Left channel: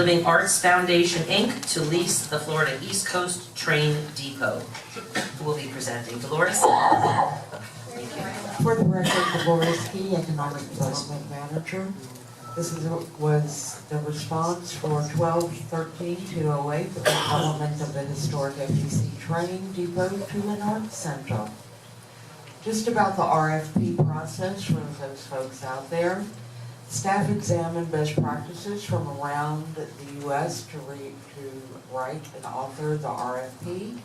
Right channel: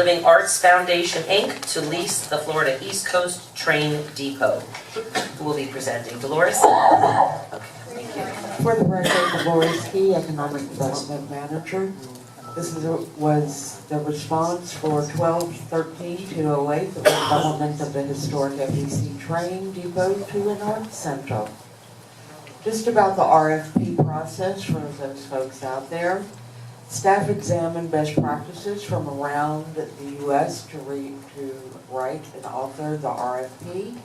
Living Arts Foundation, Inc. to lease the Florida East Coast Train Depot. Who will be presenting? Dolores? Okay, thank you. For the record, Dolores Key, Economic Development Manager. This was the response for 12-13-208, the development of the historic FEC Train Depot to an arts center. Just about the RFP process for those folks out there. Staff examined best practices from around the U.S. to write and author the RFP.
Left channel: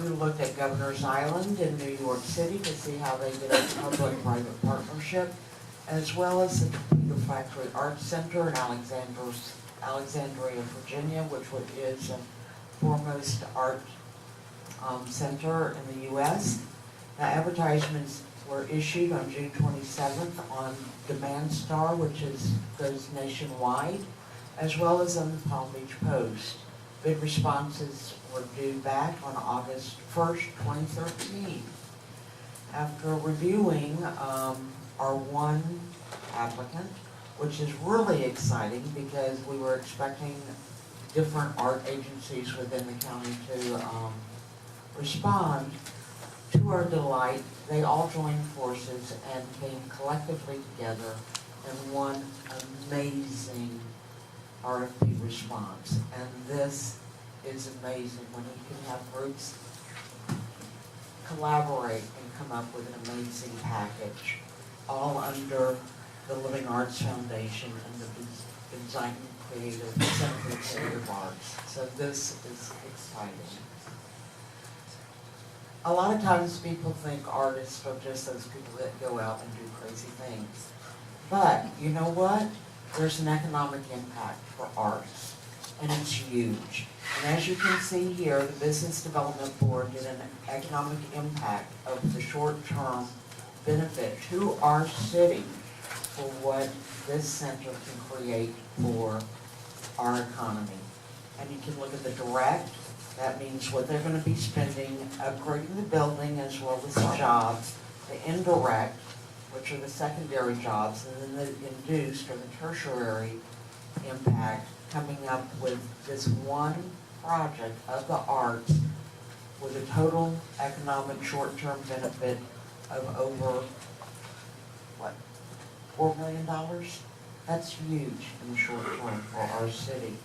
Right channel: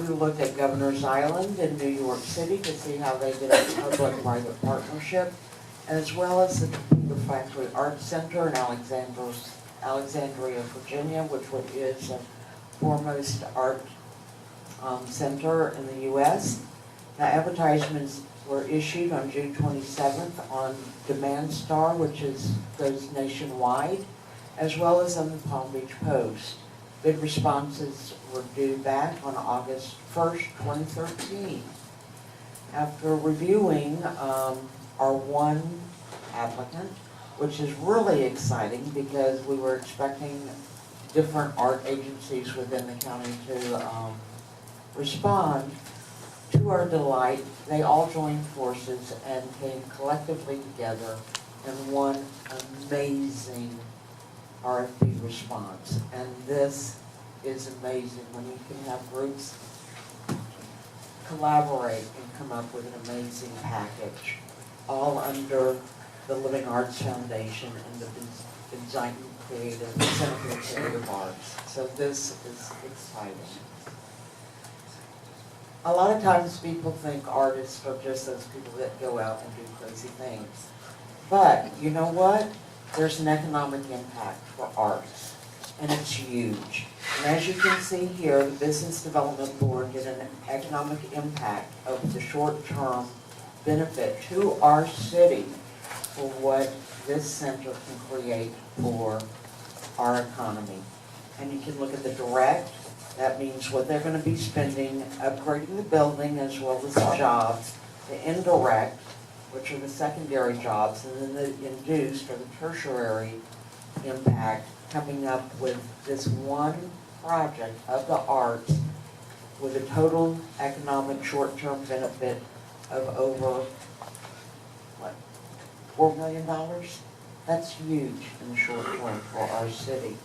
We looked at Governor's Island in New York City to see how they did a public-private partnership, as well as the Computer Factory Arts Center in Alexandria, Virginia, which is the foremost art center in the U.S. The advertisements were issued on June 27th on Demand Star, which goes nationwide, as well as on the Palm Beach Post. Bid responses were due back on August 1st, 2013. After reviewing our one applicant, which is really exciting because we were expecting different art agencies within the county to respond. To our delight, they all joined forces and came collectively together in one amazing RFP response. And this is amazing when you can have groups collaborate and come up with an amazing package, all under the Living Arts Foundation and the Design Center for Creative Arts. So this is exciting. A lot of times people think artists are just those people that go out and do crazy things. But you know what? There's an economic impact for artists, and it's huge. And as you can see here, the Business Development Board did an economic impact of the short-term benefit to our city for what this center can create for our economy. And you can look at the direct. That means what they're going to be spending upgrading the building as well as the jobs. The indirect, which are the secondary jobs, and then the induced or the tertiary impact, coming up with this one project of the arts with a total economic short-term benefit of over, what, $4 million? That's huge in the short term for our city.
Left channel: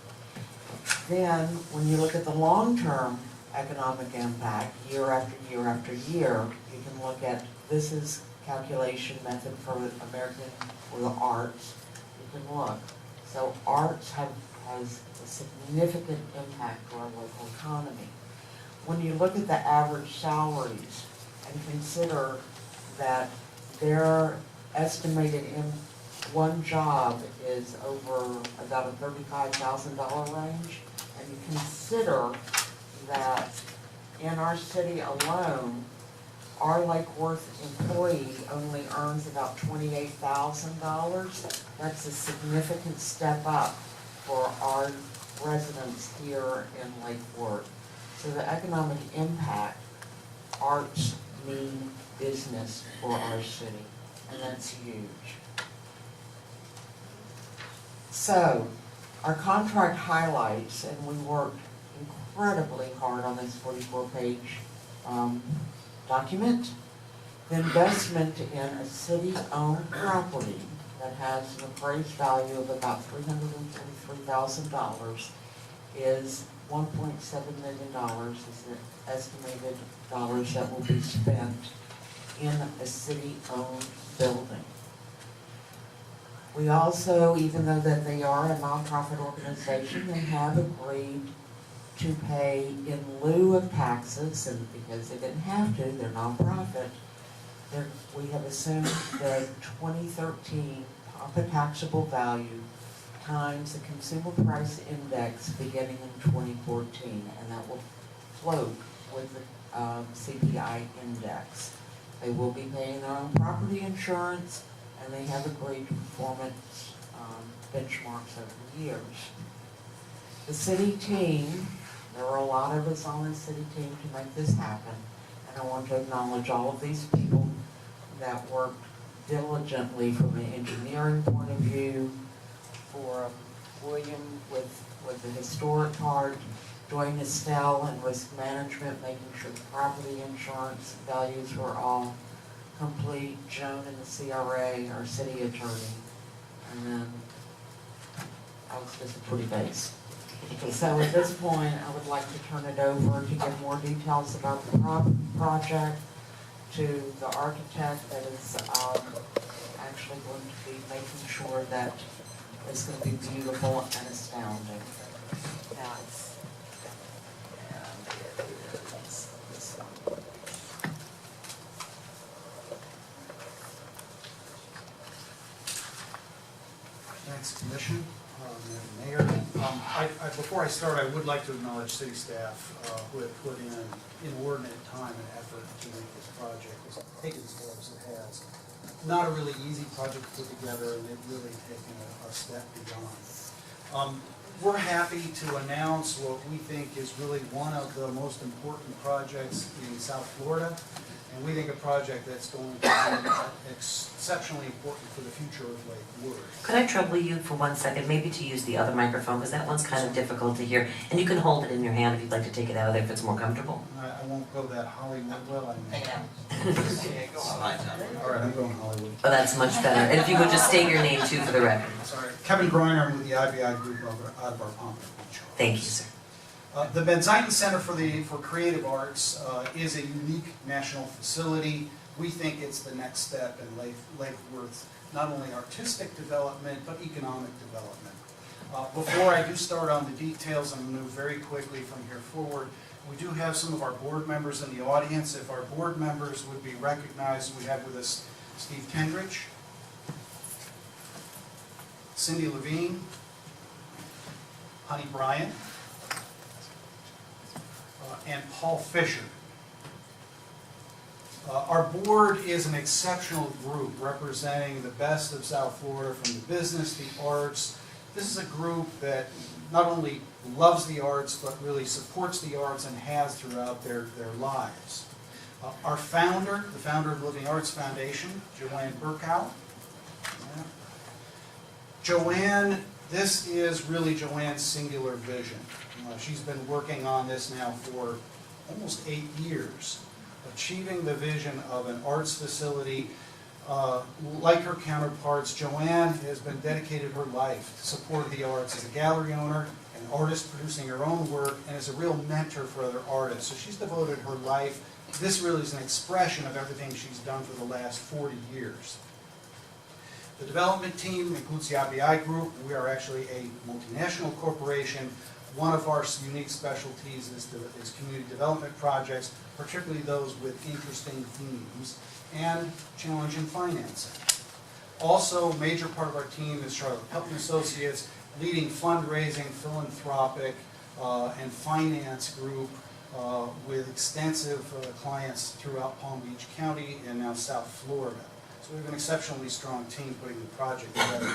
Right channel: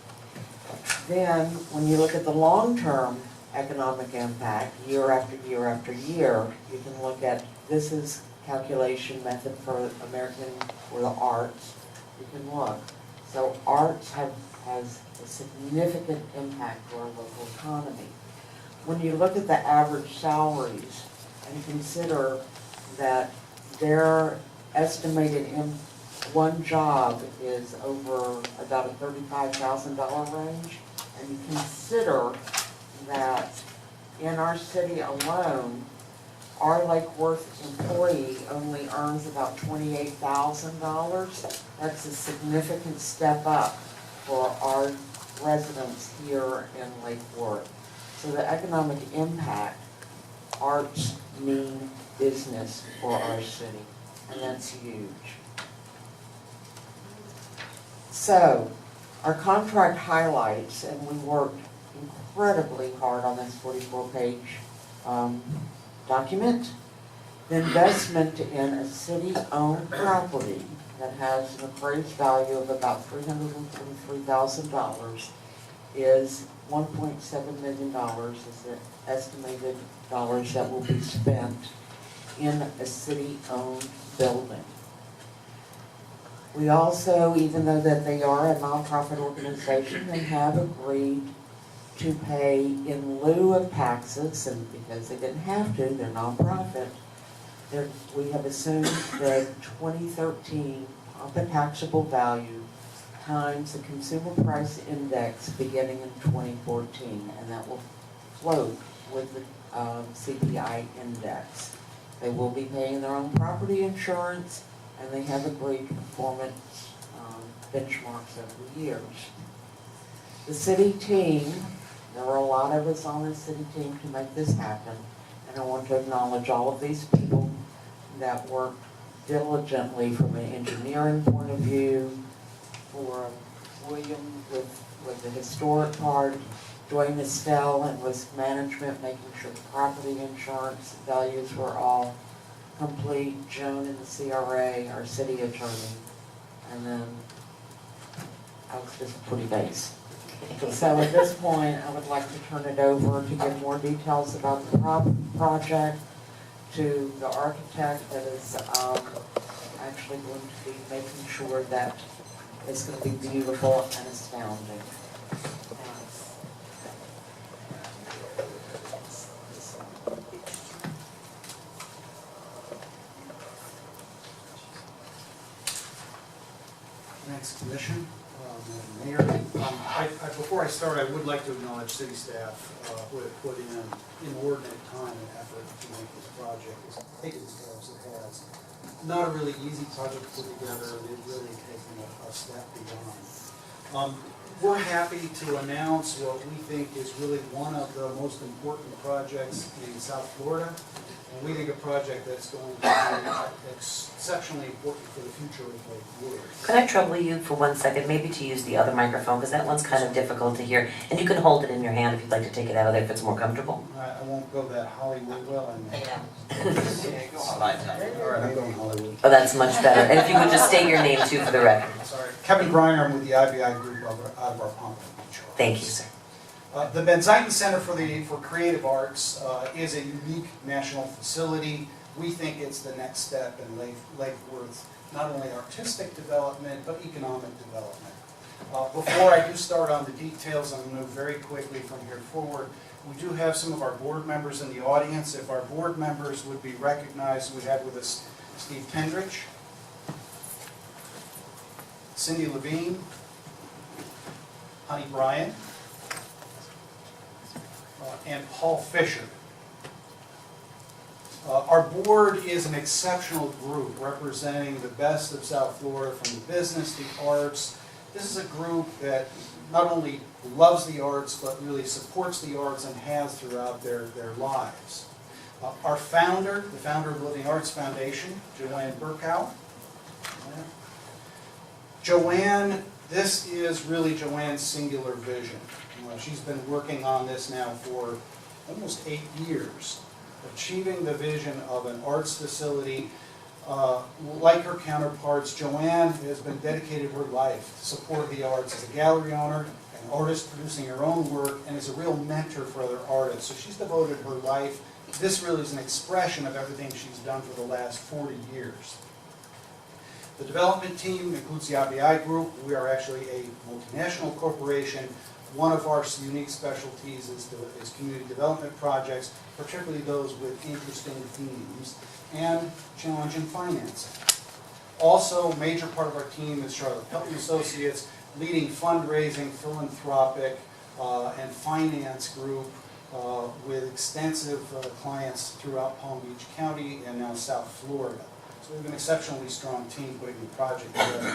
Then, when you look at the long-term economic impact, year after year after year, you can look at, this is calculation method for the arts. You can look. So arts has a significant impact to our local economy. When you look at the average salaries and consider that their estimated one job is over about a $35,000 range, and you consider that in our city alone, our Lake Worth employee only earns about $28,000. That's a significant step up for our residents here in Lake Worth. So the economic impact, arts mean business for our city, and that's huge. So, our contract highlights, and we worked incredibly hard on this 44-page document, the investment in a city-owned property that has an appraised value of about $343,000 is $1.7 million is the estimated dollars that will be spent in a city-owned building. We also, even though that they are a nonprofit organization, they have agreed to pay in lieu of taxes, and because they didn't have to, they're nonprofit, we have assumed the 2013 Pampa taxable value times the consumer price index beginning in 2014, and that will float with the CPI index. They will be paying their own property insurance, and they have agreed to performance benchmarks over the years. The city team, there were a lot of us on the city team to make this happen, and I want to acknowledge all of these people that worked diligently from an engineering point of view, for William with the historic part, Dwayne Estelle and risk management, making sure the property insurance values were all complete, Joan in the CRA, our city attorney, and then I was just a pretty base. So at this point, I would like to turn it over to give more details about the project to the architect that is actually going to be making sure that it's going to be beautiful and astounding. Now Thanks, Commission, Mayor. Before I start, I would like to acknowledge city staff who have put in inordinate time and effort to make this project take as far as it has. Not a really easy project to put together, and it's really taken a step beyond. We're happy to announce what we think is really one of the most important projects in South Florida. And we think a project that's going to be exceptionally important for the future of Lake Wood. Could I trouble you for 1 second, maybe to use the other microphone, because that one's kind of difficult to hear. And you can hold it in your hand if you'd like to take it out of there if it's more comfortable. I won't go that Hollywood well, I mean. All right, I'm going Hollywood. Oh, that's much better. And if you would just state your name too for the record. Sorry. Kevin Griner, I'm with the IBI group out of our Pompano Beach. Thank you, sir. The Benziken Center for Creative Arts is a unique national facility. We think it's the next step in Lake Worth's not only artistic development, but economic development. Before I do start on the details, I'm going to move very quickly from here forward. We do have some of our board members in the audience. If our board members would be recognized, we have with us Steve Pendrich, Cindy Levine, Honey Bryant, and Paul Fisher. Our board is an exceptional group representing the best of South Florida from the business, the arts. This is a group that not only loves the arts, but really supports the arts and has throughout their lives. Our founder, the founder of Living Arts Foundation, Joanne Burkow. Joanne, this is really Joanne's singular vision. She's been working on this now for almost 8 years, achieving the vision of an arts facility. Like her counterparts, Joanne has been dedicated her life to support the arts as a gallery owner, an artist producing her own work, and as a real mentor for other artists. So she's devoted her life. This really is an expression of everything she's done for the last 40 years. The development team includes the IBI group. We are actually a multinational corporation. One of our unique specialties is community development projects, particularly those with interesting themes and challenging financing. Also, a major part of our team is Charlotte Pelton Associates, leading fundraising, philanthropic, and finance group with extensive clients throughout Palm Beach County and now South Florida. So we have an exceptionally strong team putting the project together.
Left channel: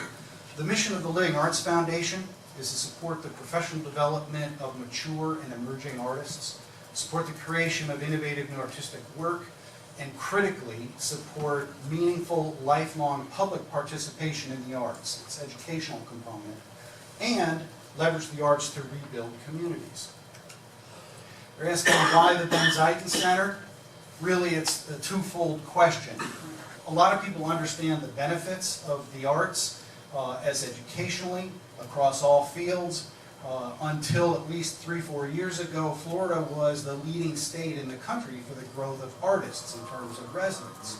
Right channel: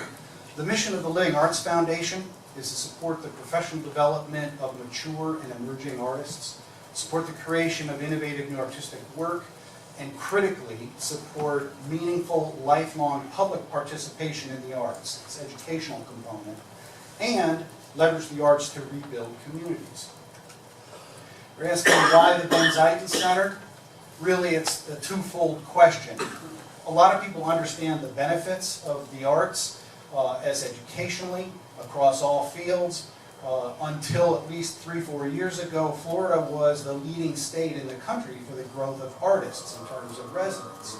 The mission of the Living Arts Foundation is to support the professional development of mature and emerging artists, support the creation of innovative new artistic work, and critically support meaningful, lifelong public participation in the arts, its educational component, and leverage the arts to rebuild communities. You're asking why the Benziken Center? Really, it's a twofold question. A lot of people understand the benefits of the arts as educationally across all fields. Until at least 3-4 years ago, Florida was the leading state in the country for the growth of artists in terms of residents.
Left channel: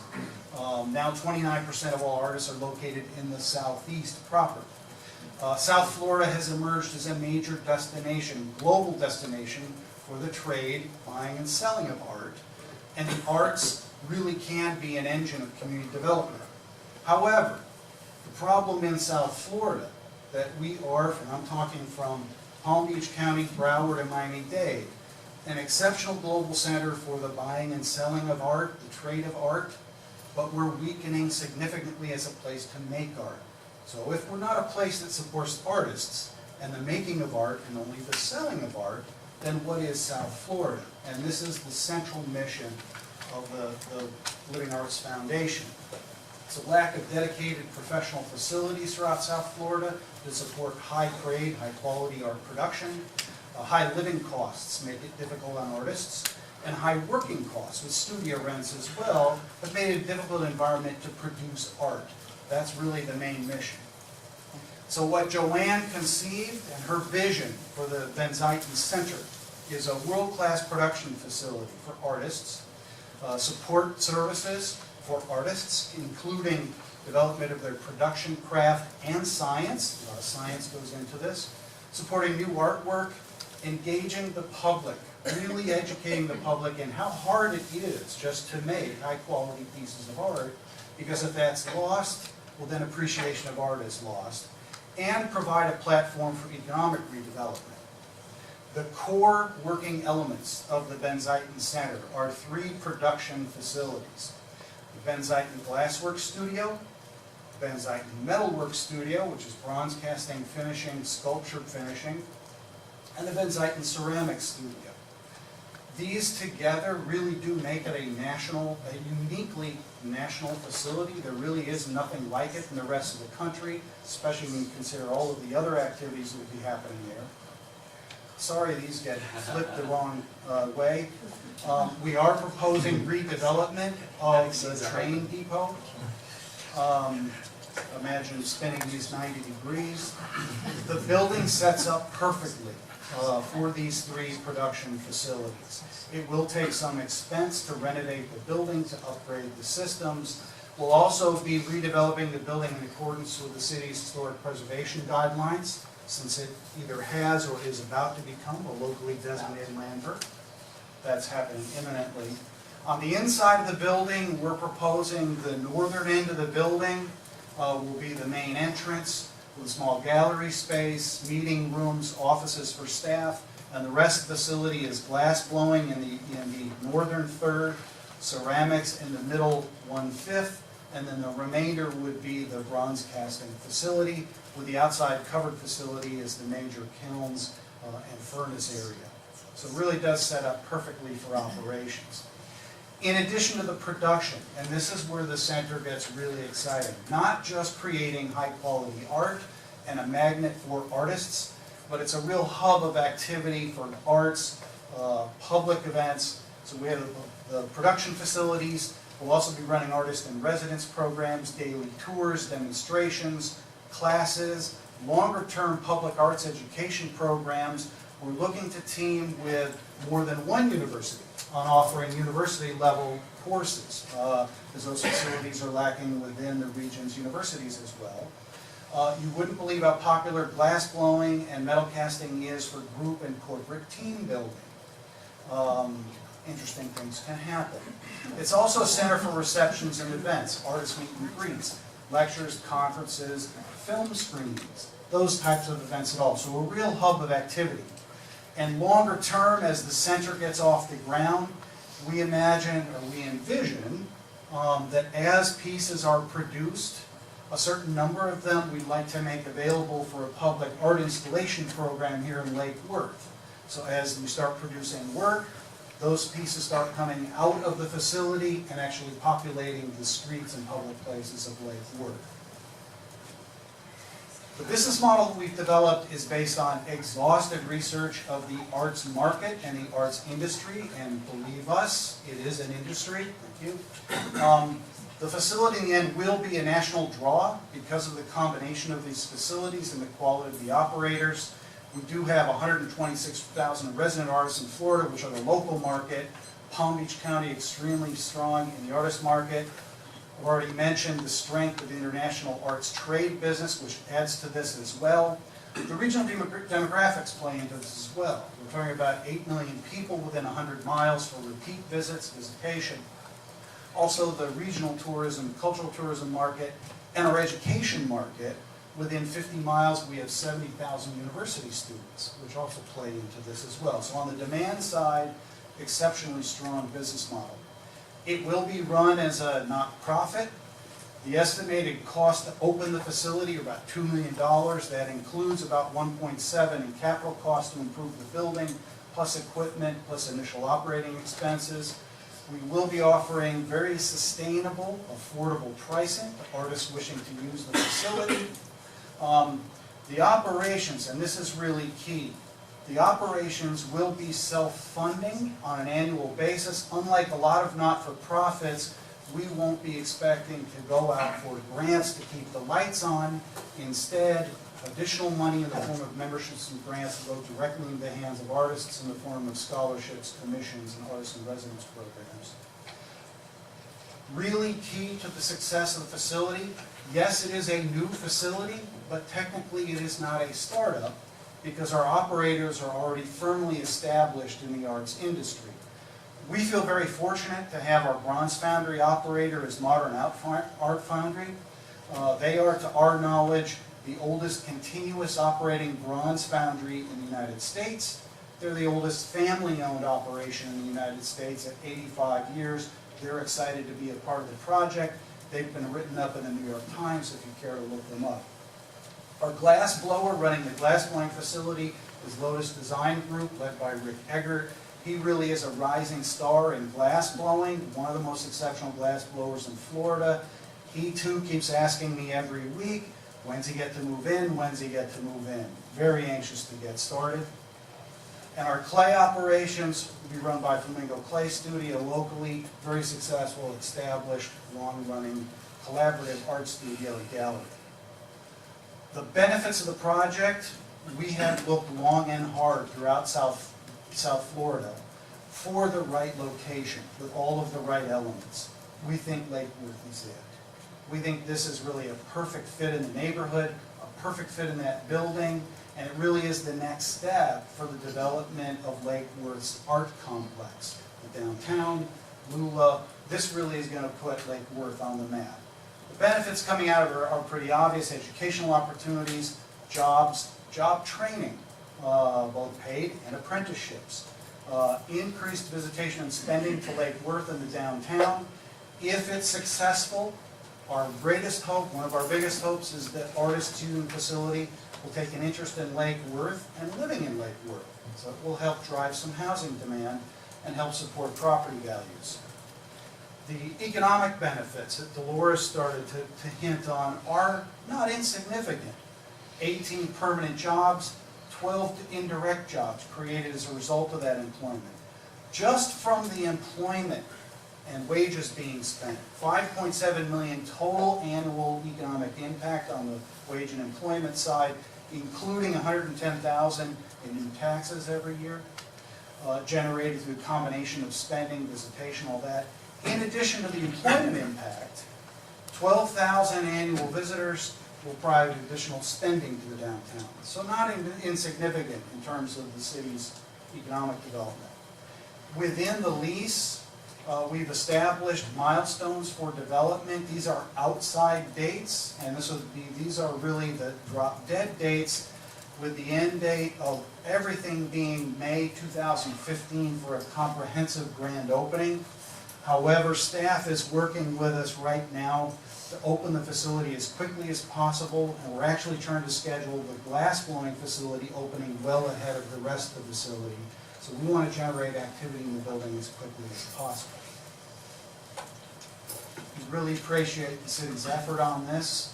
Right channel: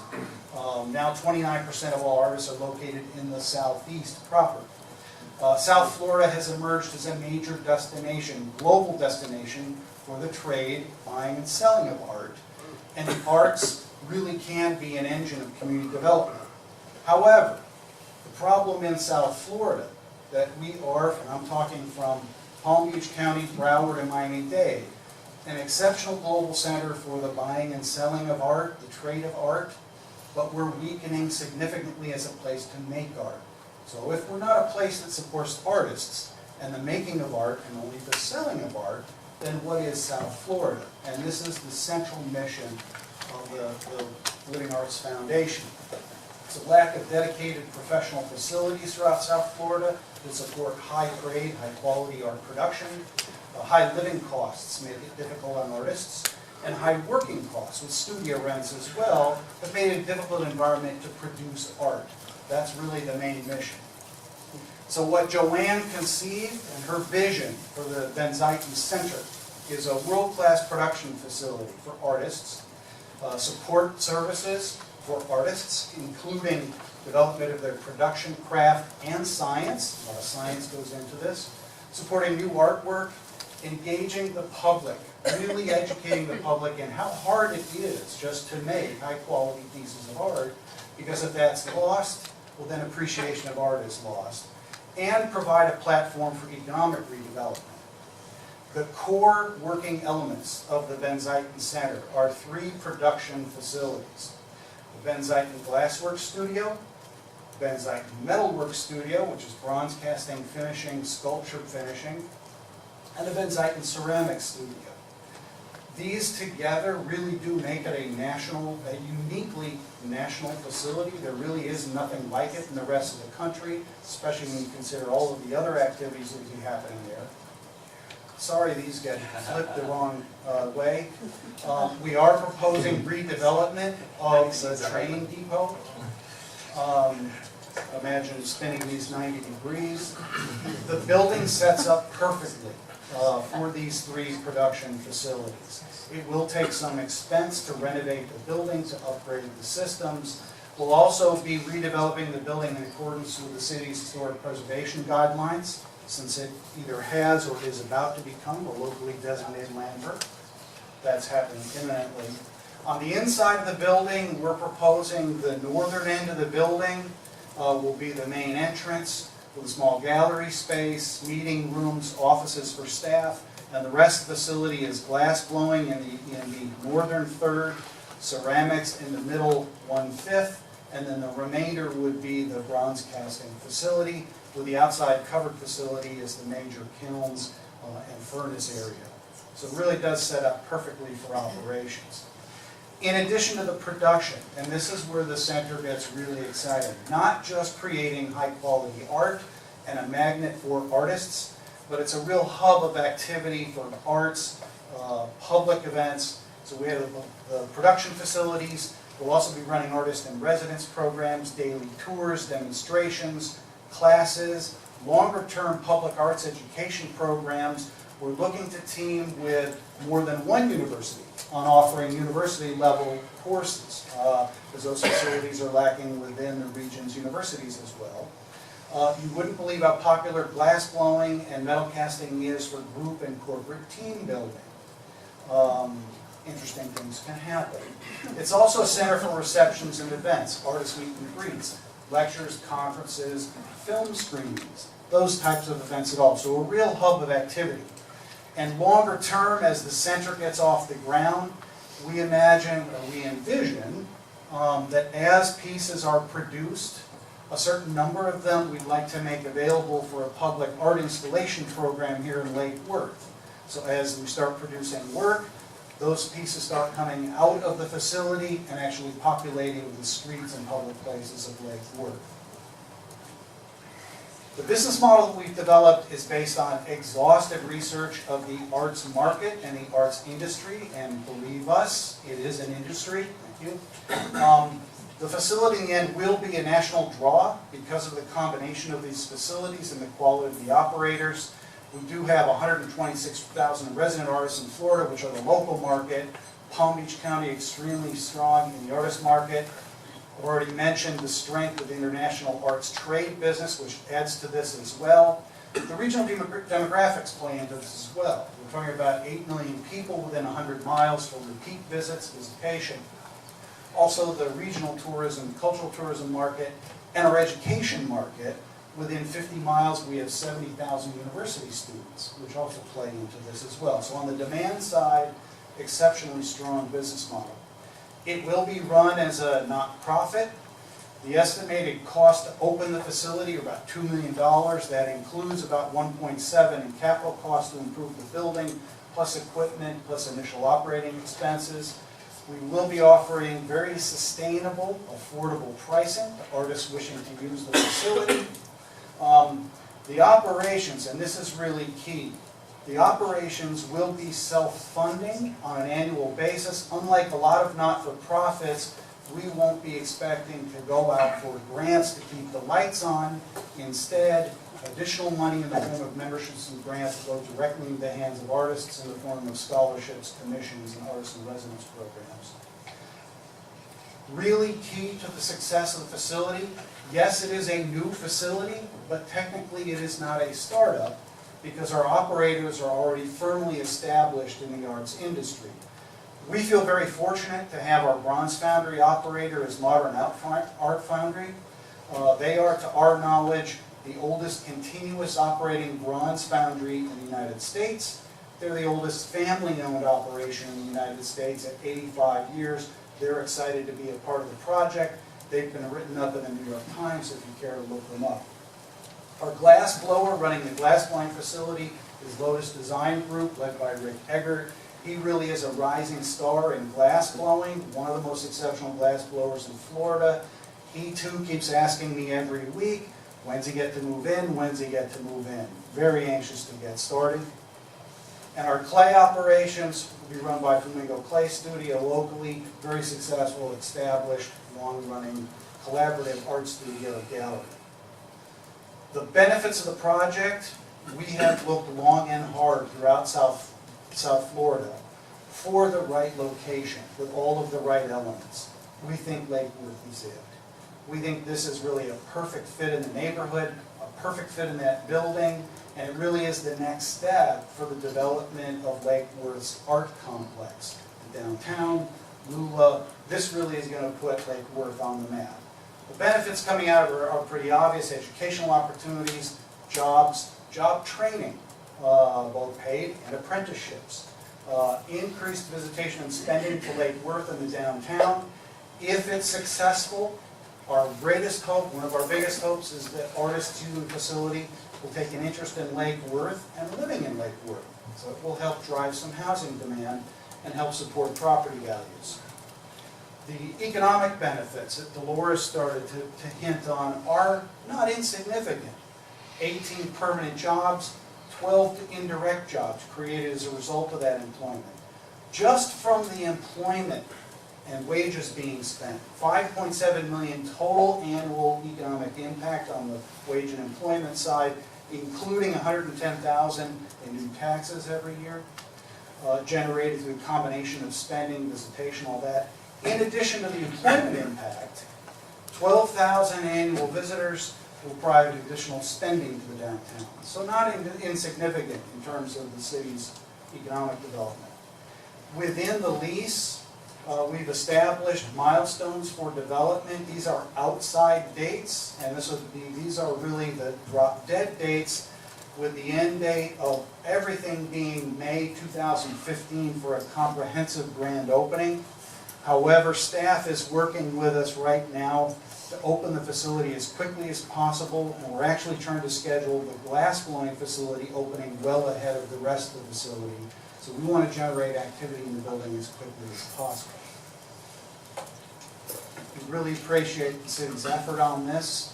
Now 29% of all artists are located in the southeast proper. South Florida has emerged as a major destination, global destination for the trade, buying and selling of art. And the arts really can be an engine of community development. However, the problem in South Florida that we are, and I'm talking from Palm Beach County, Broward, and Miami-Dade, an exceptional global center for the buying and selling of art, the trade of art, but we're weakening significantly as a place to make art. So if we're not a place that supports artists and the making of art and only the selling of art, then what is South Florida? And this is the central mission of the Living Arts Foundation. It's a lack of dedicated professional facilities throughout South Florida to support high-grade, high-quality art production. High living costs make it difficult on artists, and high working costs with studio rents as well have made it a difficult environment to produce art. That's really the main mission. So what Joanne conceived and her vision for the Van Zuyten Center is a world-class production facility for artists, support services for artists, including development of their production craft and science. A lot of science goes into this. Supporting new artwork, engaging the public, really educating the public in how hard it is just to make high-quality pieces of art, because if that's lost, well then appreciation of art is lost, and provide a platform for economic redevelopment. The core working elements of the Van Zuyten Center are 3 production facilities. The Van Zuyten Glassworks Studio, the Van Zuyten Metalworks Studio, which is bronze casting, finishing, sculpture finishing, and the Van Zuyten Ceramics Studio. These together really do make it a uniquely national facility. There really is nothing like it in the rest of the country, especially when you consider all of the other activities that would be happening there. Sorry, these get flipped the wrong way. We are proposing redevelopment of the train depot. Imagine spinning these 90 degrees. The building sets up perfectly for these 3 production facilities. It will take some expense to renovate the building, to upgrade the systems. We'll also be redeveloping the building in accordance with the city's historic preservation guidelines, since it either has or is about to become a locally designated landmark. That's happening imminently. On the inside of the building, we're proposing the northern end of the building will be the main entrance, with a small gallery space, meeting rooms, offices for staff, and the rest of the facility is glass blowing in the northern third, ceramics in the middle 1/5, and then the remainder would be the bronze casting facility, with the outside covered facility is the major kilns and furnace area. So it really does set up perfectly for operations. In addition to the production, and this is where the center gets really exciting, not just creating high quality art and a magnet for artists, but it's a real hub of activity for arts, public events. So we have the production facilities. We'll also be running artist in residence programs, daily tours, demonstrations, classes, longer term public arts education programs. We're looking to team with more than one university on offering university-level courses, because those facilities are lacking within the region's universities as well. You wouldn't believe how popular glass blowing and metal casting is for group and corporate team building. Interesting things can happen. It's also a center for receptions and events, artist meet and greets, lectures, conferences, film screenings, those types of events at all. So a real hub of activity. And longer term, as the center gets off the ground, we imagine, or we envision, that as pieces are produced, a certain number of them we'd like to make available for a public art installation program here in Lake Worth. So as we start producing work, those pieces start coming out of the facility and actually populating the streets and public places of Lake Worth. The business model that we've developed is based on exhaustive research of the arts market and the arts industry, and believe us, it is an industry. Thank you. The facility in the end will be a national draw because of the combination of these facilities and the quality of the operators. We do have 126,000 resident artists in Florida, which are the local market. Palm Beach County extremely strong in the artist market. I've already mentioned the strength of the international arts trade business, which adds to this as well. The regional demographics play into this as well. We're talking about 8 million people within 100 miles for repeat visits, visitation. Also the regional tourism, cultural tourism market, and our education market. Within 50 miles, we have 70,000 university students, which also play into this as well. So on the demand side, exceptionally strong business model. It will be run as a not-profit. The estimated cost to open the facility are about $2 million. That includes about 1.7 in capital costs to improve the building, plus equipment, plus initial operating expenses. We will be offering very sustainable, affordable pricing to artists wishing to use the facility. The operations, and this is really key, the operations will be self-funding on an annual basis. Unlike a lot of not-for-profits, we won't be expecting to go out for grants to keep the lights on. Instead, additional money in the form of memberships and grants will go directly into the hands of artists in the form of scholarships, commissions, and artist in residence programs. Really key to the success of the facility, yes, it is a new facility, but technically it is not a startup because our operators are already firmly established in the arts industry. We feel very fortunate to have our Bronze Foundry operator as Modern Art Foundry. They are, to our knowledge, the oldest continuous operating bronze foundry in the United States. They're the oldest family-owned operation in the United States at 85 years. They're excited to be a part of the project. They've been written up in the New York Times if you care to look them up. Our glass blower running the glass blowing facility is Lotus Design Group, led by Rick Eggert. He really is a rising star in glass blowing, one of the most exceptional glass blowers in Florida. He too keeps asking me every week, when's he get to move in, when's he get to move in? Very anxious to get started. And our clay operations will be run by Flamingo Clay Studio locally, very successful, established, long-running, collaborative art studio gallery. The benefits of the project, we have looked long and hard throughout South Florida for the right location with all of the right elements. We think Lake Worth is it. We think this is really a perfect fit in the neighborhood, a perfect fit in that building, and it really is the next step for the development of Lake Worth's art complex. The downtown, Lula, this really is going to put Lake Worth on the map. The benefits coming out of it are pretty obvious: educational opportunities, jobs, job training, both paid and apprenticeships, increased visitation and spending to Lake Worth in the downtown. If it's successful, our greatest hope, one of our biggest hopes, is that artists using the facility will take an interest in Lake Worth and living in Lake Worth. So it will help drive some housing demand and help support property values. The economic benefits that Dolores started to hint on are not insignificant. 18 permanent jobs, 12 indirect jobs created as a result of that employment. Just from the employment and wages being spent, 5.7 million total annual economic impact on the wage and employment side, including 110,000 in new taxes every year, generated through a combination of spending, visitation, all that. In addition to the employment impact, 12,000 annual visitors will provide additional spending to the downtown. So not insignificant in terms of the city's economic development. Within the lease, we've established milestones for development. These are outside dates, and these are really the drop-dead dates, with the end date of everything being May 2015 for a comprehensive grand opening. However, staff is working with us right now to open the facility as quickly as possible, and we're actually trying to schedule the glass blowing facility opening well ahead of the rest of the facility. So we want to generate activity in the building as quickly as possible. We really appreciate the city's effort on this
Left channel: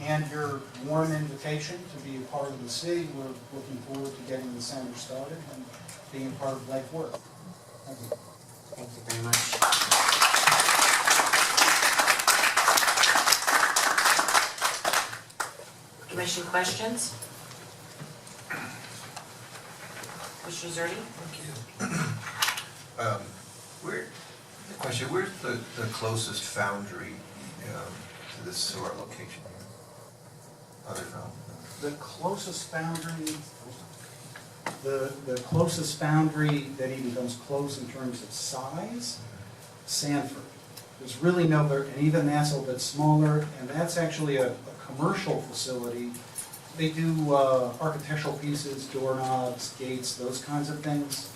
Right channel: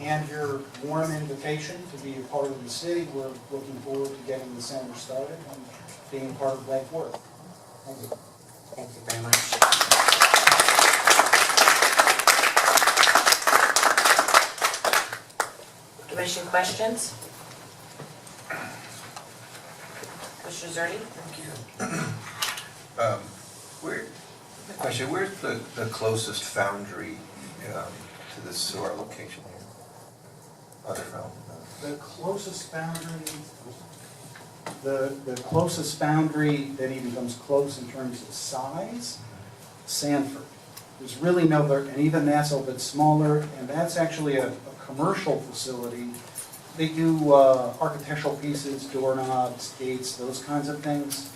and your warm invitation to be a part of the city. We're looking forward to getting the center started and being part of Lake Worth. Thank you. Thank you very much. Commission questions? Commissioner Zerdy? Where's the closest foundry to this to our location here? Other foundry? The closest foundry, the closest foundry that even comes close in terms of size, Sanford. There's really no other, and even that's a little bit smaller, and that's actually a commercial facility. They do architectural pieces, doorknobs, gates, those kinds of things.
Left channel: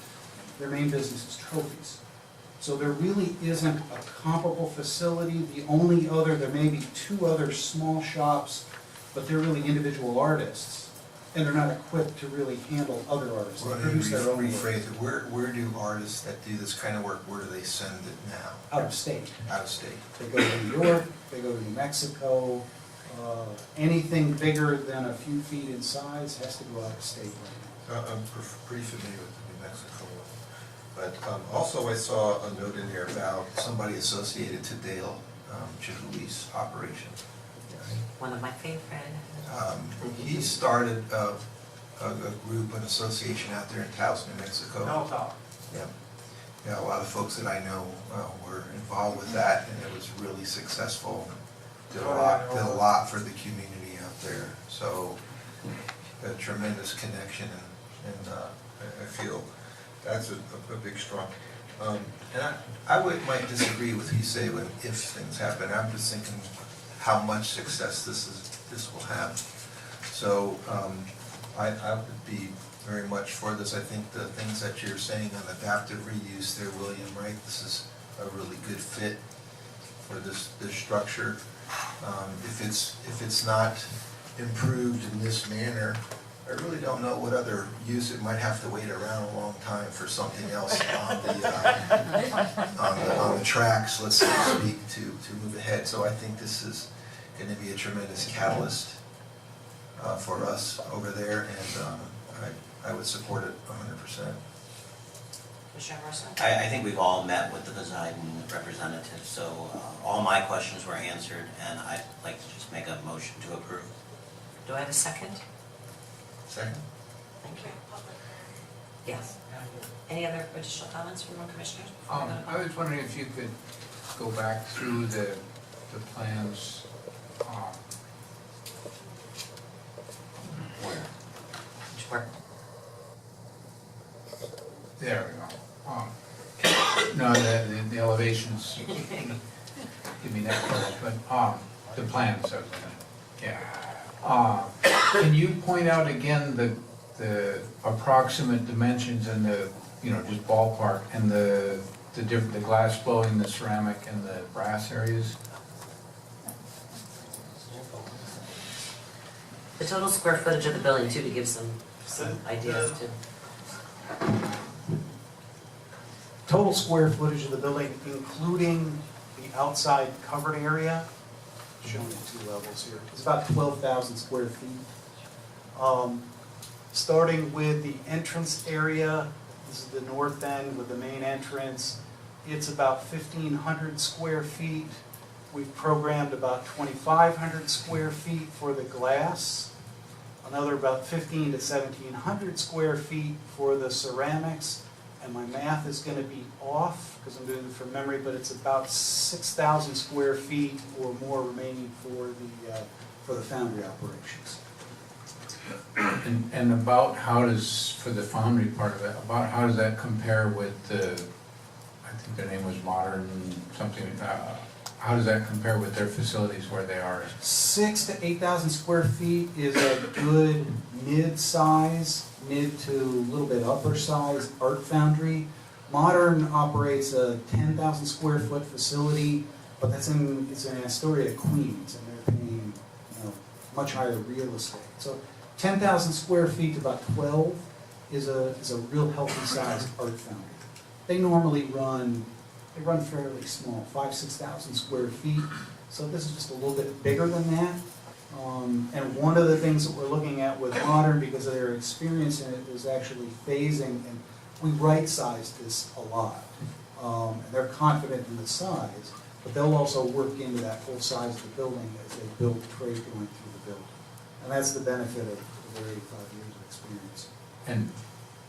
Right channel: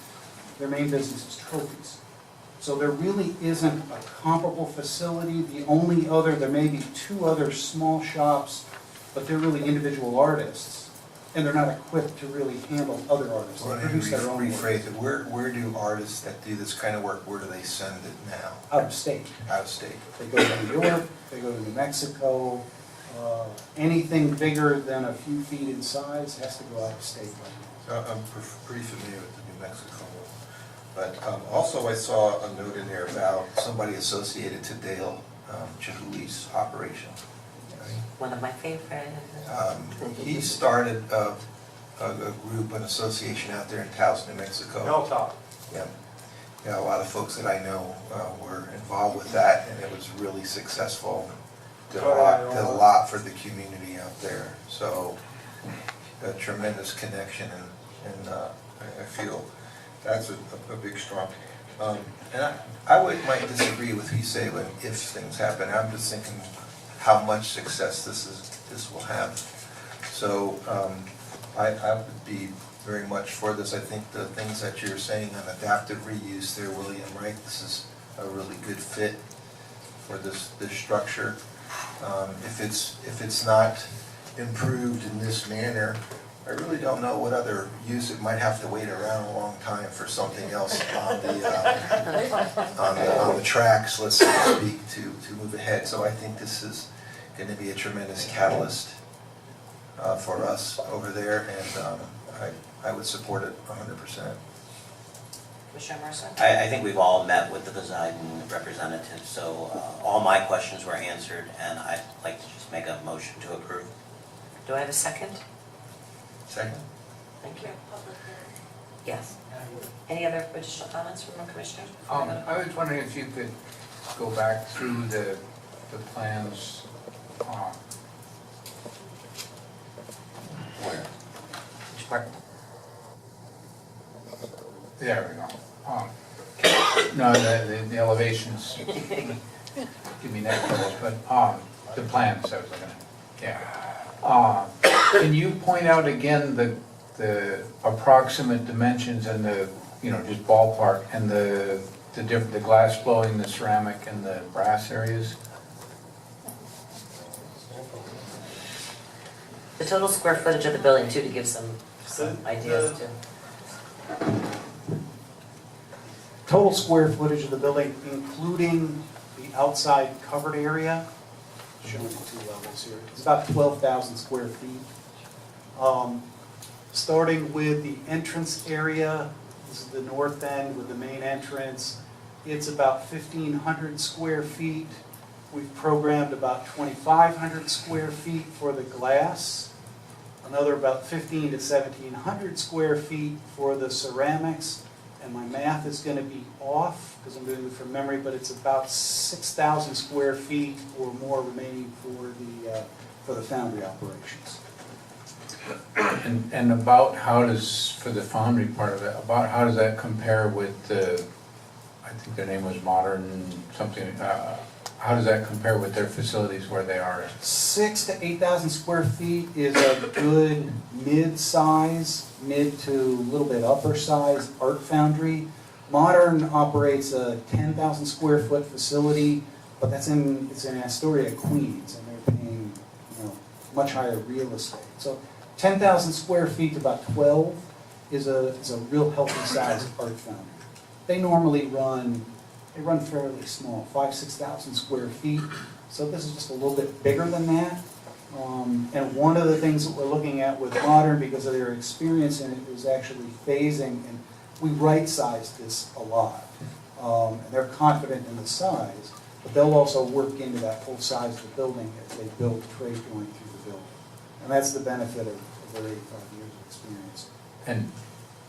Their main business is trophies. So there really isn't a comparable facility. The only other, there may be two other small shops, but they're really individual artists and they're not equipped to really handle other artists. They Well, produce their own work rephrase it, where do artists that do this kind of work, where do they send it now? out of state. Out of state? They go to New York, they go to New Mexico. Anything bigger than a few feet in size has to go out of state right now. I'm pretty familiar with the New Mexico one. But also I saw a note in there about somebody associated to Dale Chihuli's operation. One of my favorite. He started a group, an association out there in Taos, New Mexico. Hilltop. Yeah. Yeah, a lot of folks that I know were involved with that, and it was really successful. Did a lot for the community out there. So a tremendous connection, and I feel that's a big strong. And I might disagree with you say when if things happen. I'm just thinking how much success this will have. So I would be very much for this. I think the things that you're saying on adaptive reuse there, William, right? This is a really good fit for this structure. If it's not improved in this manner, I really don't know what other use. It might have to wait around a long time for something else on the tracks, let's so to speak, to move ahead. So I think this is going to be a tremendous catalyst for us over there, and I would support it 100%. Commissioner Mercer? I think we've all met with the design representative, so all my questions were answered, and I'd like to just make a motion to approve. Do I have a second? Second? Thank you. Yes. Any other additional comments from our commissioners? before we go to I was wondering if you could go back through the plans. Where? Which part? There we go. No, the elevations give me that trouble, but the plans I was looking at, yeah. Can you point out again the approximate dimensions and the, just ballpark, and the glass blowing, the ceramic, and the brass areas? The total square footage of the building too, to give some ideas too. Total square footage of the building, including the outside covered area, showing the two levels here, it's about 12,000 square feet. Starting with the entrance area, this is the north end with the main entrance, it's about 1,500 square feet. We've programmed about 2,500 square feet for the glass, another about 1,500 to 1,700 square feet for the ceramics, and my math is going to be off because I'm doing it from memory, but it's about 6,000 square feet or more remaining for the foundry operations. And about how does, for the foundry part of it, about how does that compare with the, I think their name was Modern something, how does that compare with their facilities where they are? 6,000 to 8,000 square feet is a good mid-size, mid to a little bit upper size art foundry. Modern operates a 10,000 square foot facility, but it's in Astoria, Queens, and they're paying much higher real estate. So 10,000 square feet to about 12 is a real healthy size art foundry. They normally run fairly small, 5,000 to 6,000 square feet. So this is just a little bit bigger than that. And one of the things that we're looking at with Modern, because of their experience in it, is actually phasing, and we right-sized this a lot. And they're confident in the size, but they'll also work into that full size of the building as they build trade going through the building. And that's the benefit of their 85 years of experience. And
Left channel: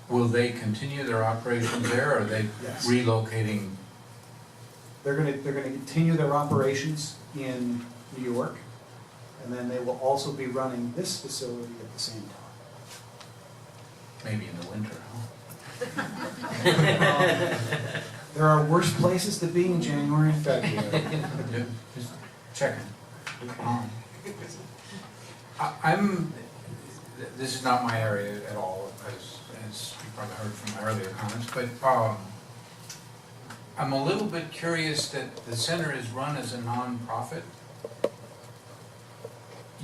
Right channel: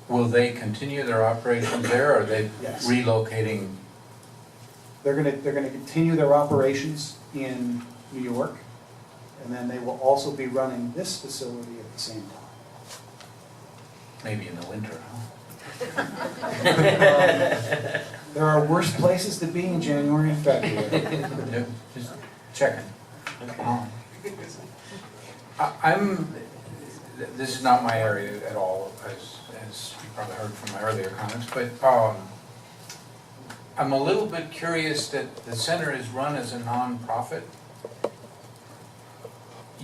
will they continue their operations there, or are they Yes. relocating? They're gonna continue their operations in New York, and then they will also be running this facility at the same time. Maybe in the winter, huh? There are worse places to be in January and February. No, just checking. This is not my area at all, as you probably heard from my earlier comments, but I'm a little bit curious that the center is run as a nonprofit.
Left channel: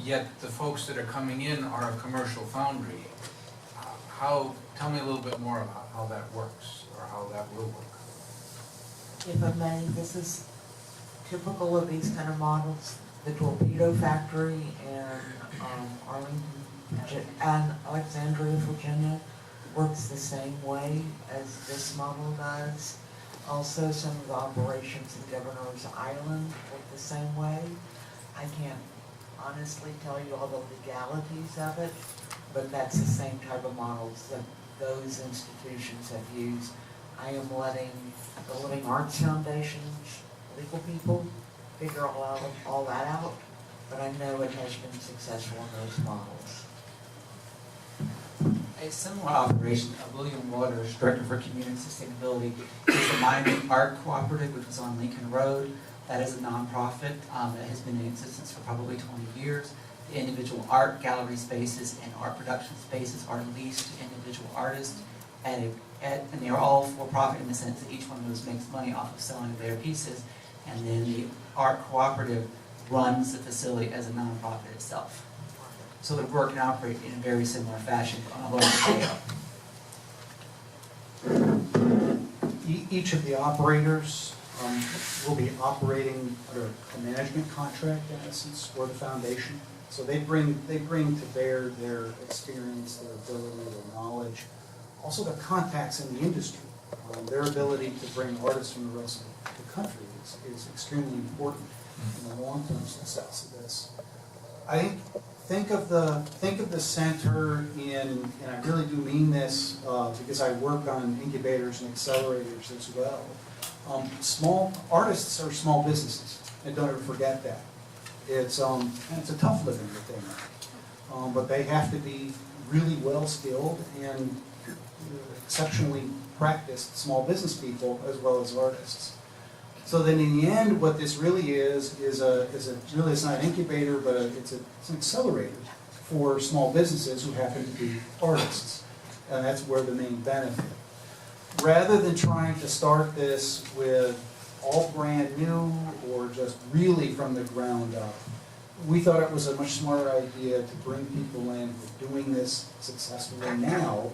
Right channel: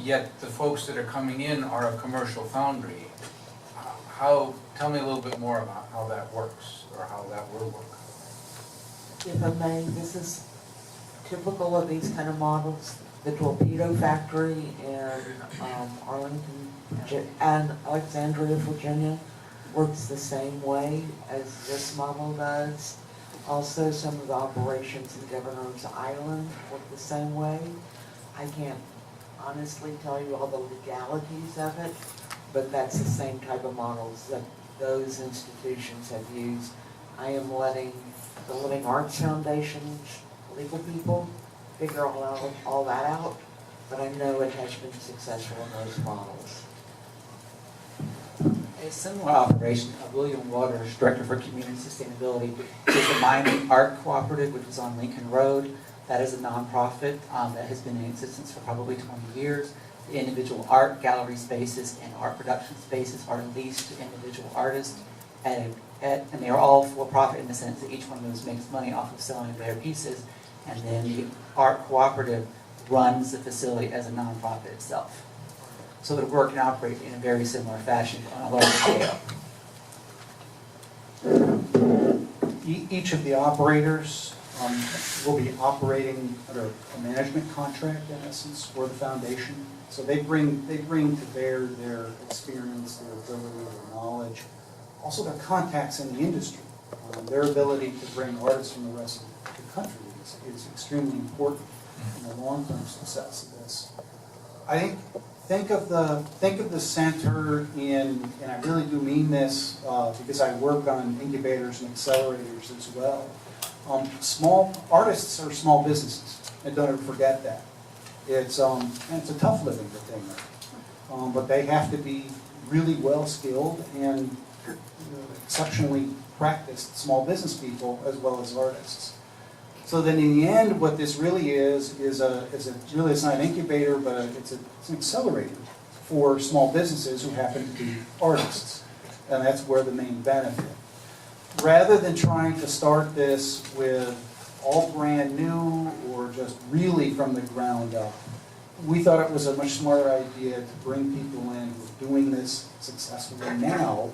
Yet the folks that are coming in are a commercial foundry. Tell me a little bit more about how that works, or how that will work. If I may, this is typical of these kind of models. The torpedo factory in Arlington and Alexandria, Virginia, works the same way as this model does. Also, some of the operations in Governor's Island work the same way. I can't honestly tell you all the legalities of it, but that's the same type of models that those institutions have used. I am letting the Living Arts Foundation's legal people figure all that out, but I know it has been successful in those models. A similar operation, William Waters, Director for Community Sustainability, is the Mining Art Cooperative, which is on Lincoln Road. That is a nonprofit that has been in existence for probably 20 years. The individual art gallery spaces and art production spaces are leased to individual artists, and they are all for-profit in the sense that each one of those makes money off of selling their pieces, and then the art cooperative runs the facility as a nonprofit itself. So it would work and operate in a very similar fashion on a large scale. Each of the operators will be operating under a management contract, in essence, for the foundation. So they bring to bear their experience, their ability, their knowledge, also their contacts in the industry. Their ability to bring artists from the rest of the country is extremely important in the long-term success of this. Think of the center in, and I really do mean this because I work on incubators and accelerators as well. Small artists are small businesses, and don't ever forget that. And it's a tough living that they make, but they have to be really well skilled and exceptionally practiced small business people as well as artists. So then in the end, what this really is really, it's not an incubator, but it's an accelerator for small businesses who happen to be artists. And that's where the main benefit. Rather than trying to start this with all brand new or just really from the ground up, we thought it was a much smarter idea to bring people in who are doing this successfully now,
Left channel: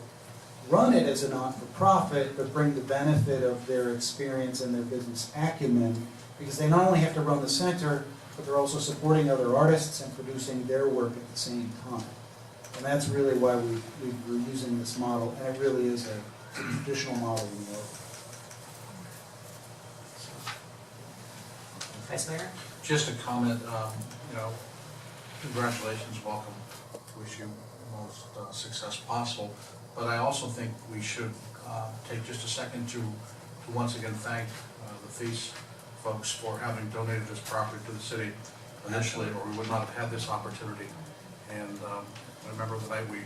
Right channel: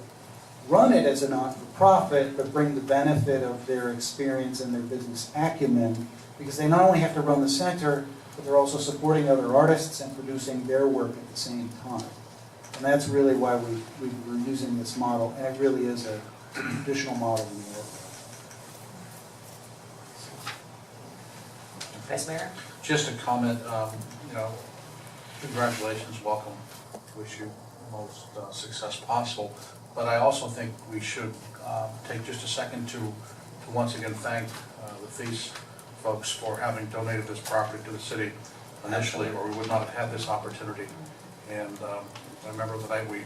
run it as a not-for-profit, but bring the benefit of their experience and their business acumen, because they not only have to run the center, but they're also supporting other artists and producing their work at the same time. And that's really why we're using this model, and it really is a traditional model in the world. Vice Mayor? Just a comment, congratulations, welcome, wish you the most success possible. But I also think we should take just a second to once again thank the Thies folks for having donated this property to the city initially, or we would not have had this opportunity. And I remember the night we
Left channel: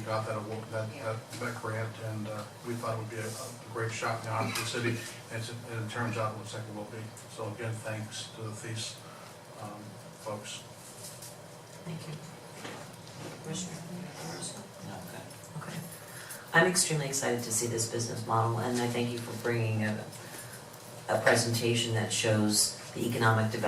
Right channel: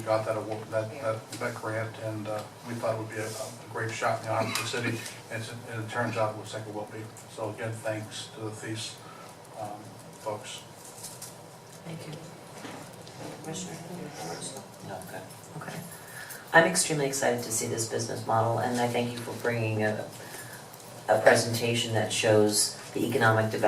got that grant, and we thought it would be a great shot in the arm for the city, and it turns out it looks like it will be. So again, thanks to the Thies folks. Thank you. Commissioner? No, okay. Okay. I'm extremely excited to see this business model, and I thank you for bringing a presentation that shows the economic development